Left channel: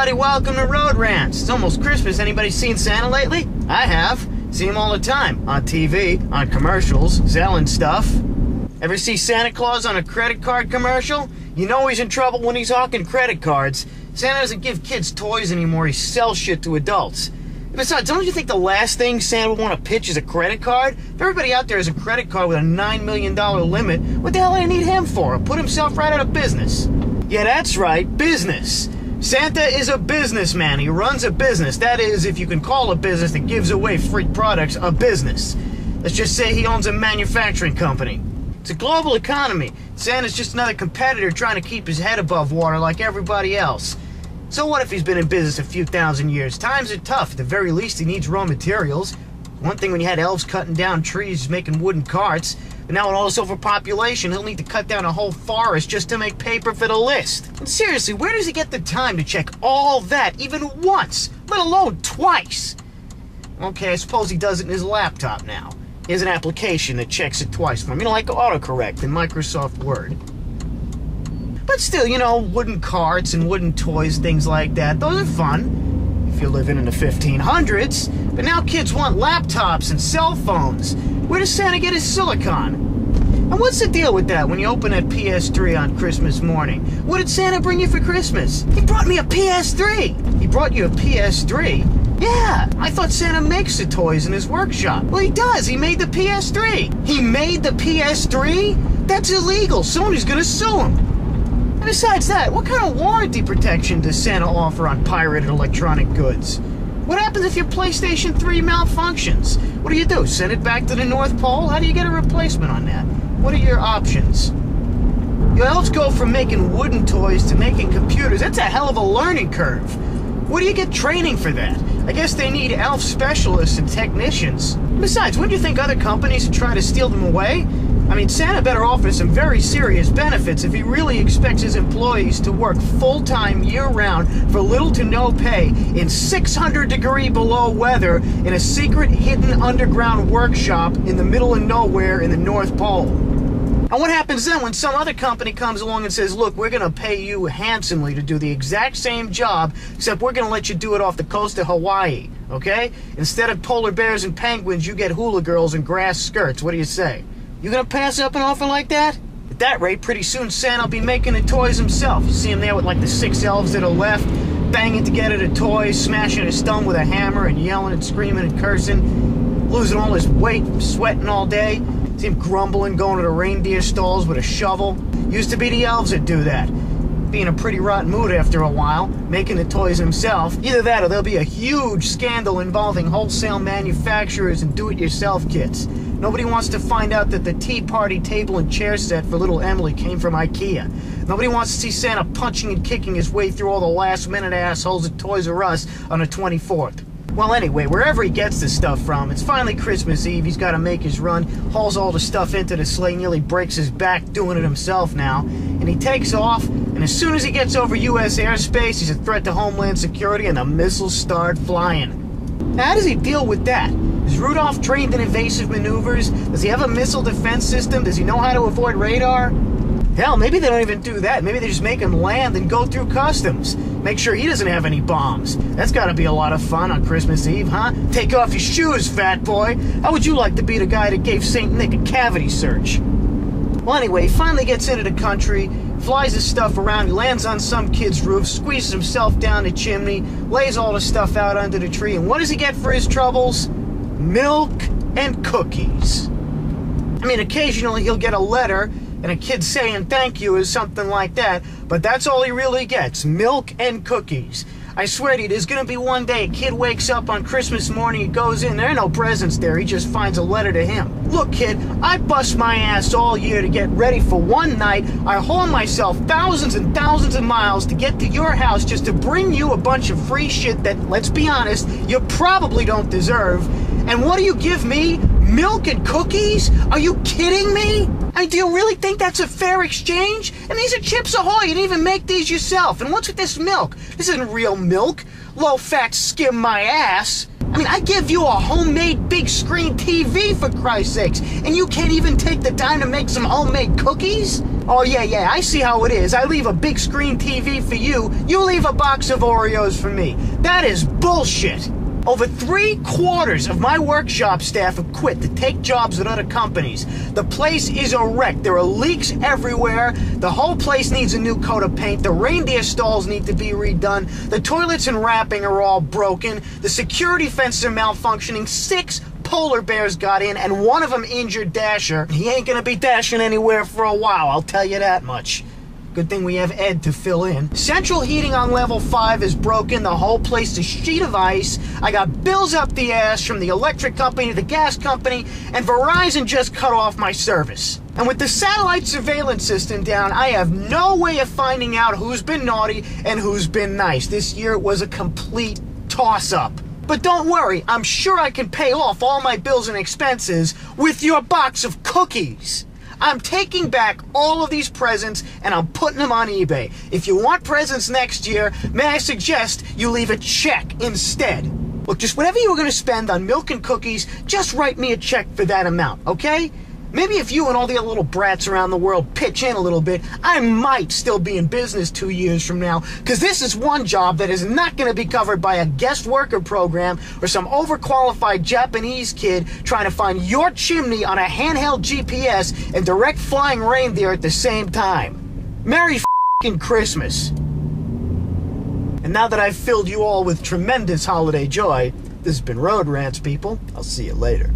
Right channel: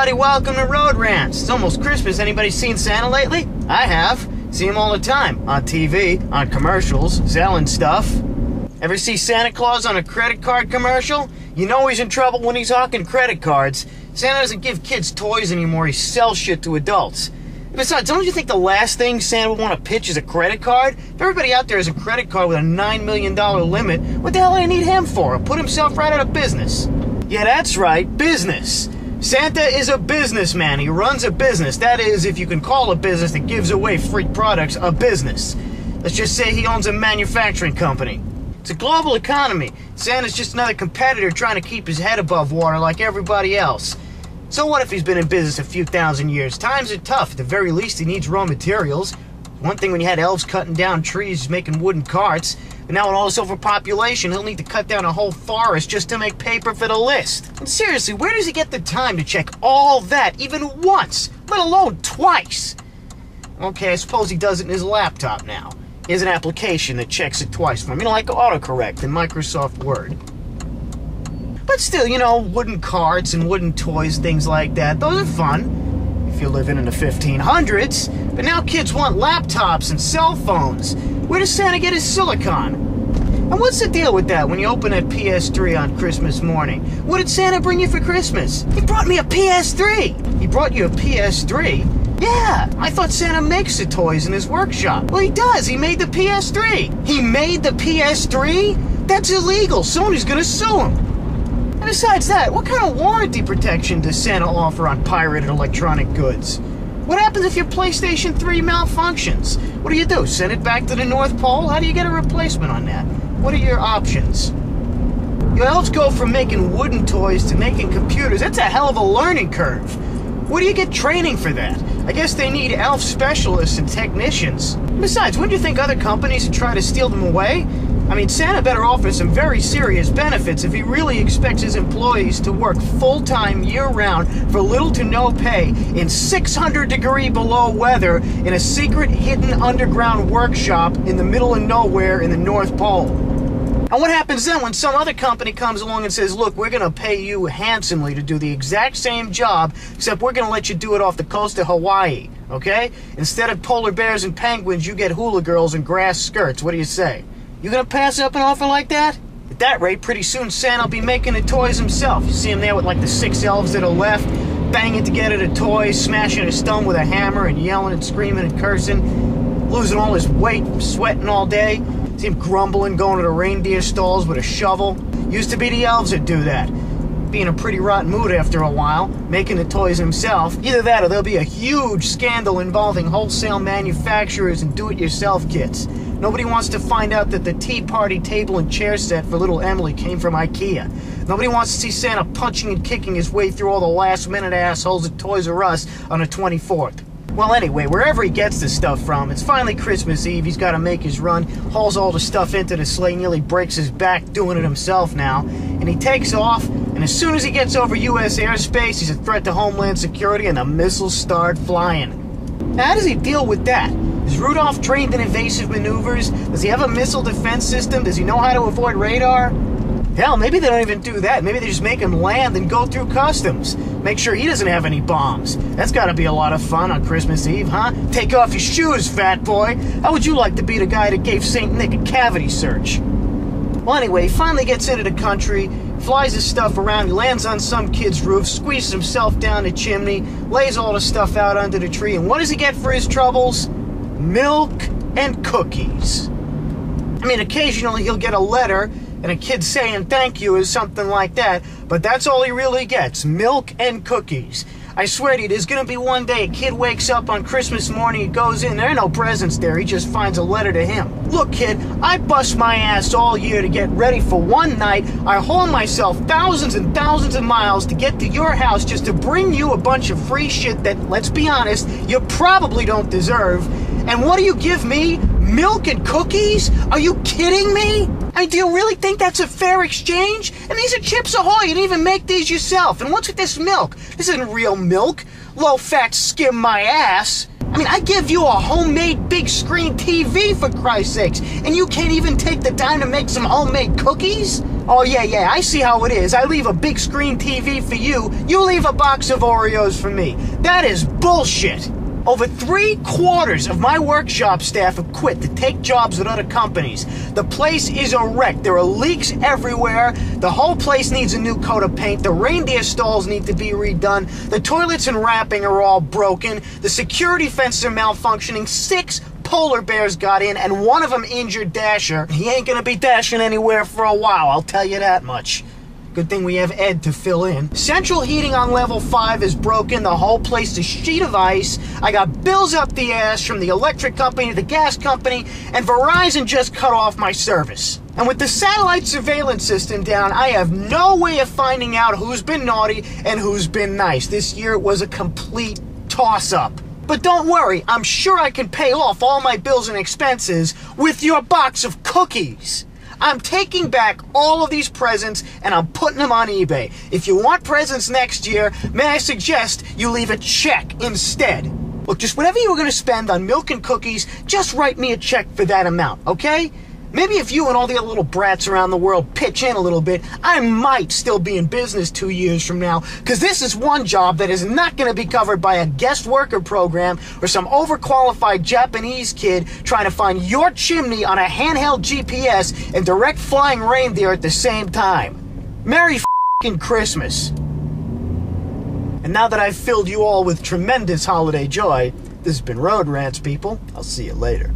everybody, welcome to Road Rants. It's almost Christmas. Anybody seen Santa lately? I have. See him all the time. On TV, on commercials, selling stuff. Ever see Santa Claus on a credit card commercial? You know he's in trouble when he's hawking credit cards. Santa doesn't give kids toys anymore, he sells shit to adults. Besides, don't you think the last thing Santa would want to pitch is a credit card? If everybody out there has a credit card with a $9 million limit, what the hell do they need him for? He'll put himself right out of business. Yeah, that's right, business. Santa is a businessman. He runs a business. That is, if you can call a business that gives away free products a business. Let's just say he owns a manufacturing company. It's a global economy. Santa's just another competitor trying to keep his head above water like everybody else. So what if he's been in business a few thousand years? Times are tough. At the very least, he needs raw materials. One thing when you had elves cutting down trees, making wooden carts, but now with all this overpopulation, he'll need to cut down a whole forest just to make paper for the list. And seriously, where does he get the time to check all that even once, let alone twice? Okay, I suppose he does it in his laptop now. He has an application that checks it twice for him, like autocorrect in Microsoft Word. But still, wooden carts and wooden toys, things like that, those are fun if you're living in the 1500s. But now kids want laptops and cell phones. Where does Santa get his silicon? And what's the deal with that when you open that PS3 on Christmas morning? What did Santa bring you for Christmas? He brought me a PS3! He brought you a PS3? Yeah, I thought Santa makes the toys in his workshop. Well, he does. He made the PS3. He made the PS3? That's illegal. Sony's gonna sue him. And besides that, what kind of warranty protection does Santa offer on pirated electronic goods? What happens if your PlayStation 3 malfunctions? What do? Send it back to the North Pole? How do you get a replacement on that? What are your options? You elves go from making wooden toys to making computers. That's a hell of a learning curve. Where do you get training for that? I guess they need elf specialists and technicians. Besides, wouldn't you think other companies would try to steal them away? I mean, Santa better offer some very serious benefits if he really expects his employees to work full-time year-round for little to no pay in 600-degree below weather in a secret hidden underground workshop in the middle of nowhere in the North Pole. And what happens then when some other company comes along and says, look, we're going to pay you handsomely to do the exact same job, except we're going to let you do it off the coast of Hawaii, okay? Instead of polar bears and penguins, you get hula girls and grass skirts. What do you say? You gonna pass up an offer like that? At that rate, pretty soon Santa will be making the toys himself. You see him there with like the 6 elves that are left, banging together the toys, smashing a stone with a hammer and yelling and screaming and cursing, losing all his weight, sweating all day. See him grumbling, going to the reindeer stalls with a shovel. Used to be the elves that do that. Be in a pretty rotten mood after a while, making the toys himself. Either that or there'll be a huge scandal involving wholesale manufacturers and do-it-yourself kits. Nobody wants to find out that the tea party table and chair set for little Emily came from IKEA. Nobody wants to see Santa punching and kicking his way through all the last-minute assholes at Toys R Us on the 24th. Well, anyway, wherever he gets this stuff from, it's finally Christmas Eve. He's got to make his run, hauls all the stuff into the sleigh, nearly breaks his back doing it himself now, and he takes off, and as soon as he gets over U.S. airspace, he's a threat to Homeland Security, and the missiles start flying. Now, how does he deal with that? Is Rudolph trained in evasive maneuvers? Does he have a missile defense system? Does he know how to avoid radar? Hell, maybe they don't even do that. Maybe they just make him land and go through customs. Make sure he doesn't have any bombs. That's gotta be a lot of fun on Christmas Eve, huh? Take off your shoes, fat boy. How would you like to be the guy that gave St. Nick a cavity search? Well, anyway, he finally gets into the country, flies his stuff around, he lands on some kid's roof, squeezes himself down the chimney, lays all the stuff out under the tree, and what does he get for his troubles? Milk and cookies. I mean, occasionally he'll get a letter and a kid saying thank you or something like that, but that's all he really gets, milk and cookies. I swear to you, there's gonna be one day a kid wakes up on Christmas morning, he goes in, there are no presents there, he just finds a letter to him. Look, kid, I bust my ass all year to get ready for one night. I haul myself thousands and thousands of miles to get to your house just to bring you a bunch of free shit that, let's be honest, you probably don't deserve. And what do you give me? Milk and cookies? Are you kidding me? I mean, do you really think that's a fair exchange? And these are Chips Ahoy. You didn't even make these yourself. And what's with this milk? This isn't real milk. Low-fat skim my ass. I mean, I give you a homemade big screen TV, for Christ's sakes, and you can't even take the time to make some homemade cookies? Oh yeah, I see how it is. I leave a big screen TV for you, you leave a box of Oreos for me. That is bullshit. Over 3/4 of my workshop staff have quit to take jobs at other companies. The place is a wreck. There are leaks everywhere. The whole place needs a new coat of paint. The reindeer stalls need to be redone. The toilets and wrapping are all broken. The security fences are malfunctioning. 6 polar bears got in, and one of them injured Dasher. He ain't gonna be dashing anywhere for a while, I'll tell you that much. Good thing we have Ed to fill in. Central heating on level 5 is broken. The whole place is a sheet of ice. I got bills up the ass from the electric company, the gas company, and Verizon just cut off my service. And with the satellite surveillance system down, I have no way of finding out who's been naughty and who's been nice. This year it was a complete toss-up. But don't worry, I'm sure I can pay off all my bills and expenses with your box of cookies. I'm taking back all of these presents and I'm putting them on eBay. If you want presents next year, may I suggest you leave a check instead? Look, just whatever you were going to spend on milk and cookies, just write me a check for that amount, okay? Maybe if you and all the other little brats around the world pitch in a little bit, I might still be in business 2 years from now, because this is one job that is not going to be covered by a guest worker program or some overqualified Japanese kid trying to find your chimney on a handheld GPS and direct flying reindeer at the same time. Merry f***ing Christmas. And now that I've filled you all with tremendous holiday joy, this has been Road Rants, people. I'll see you later.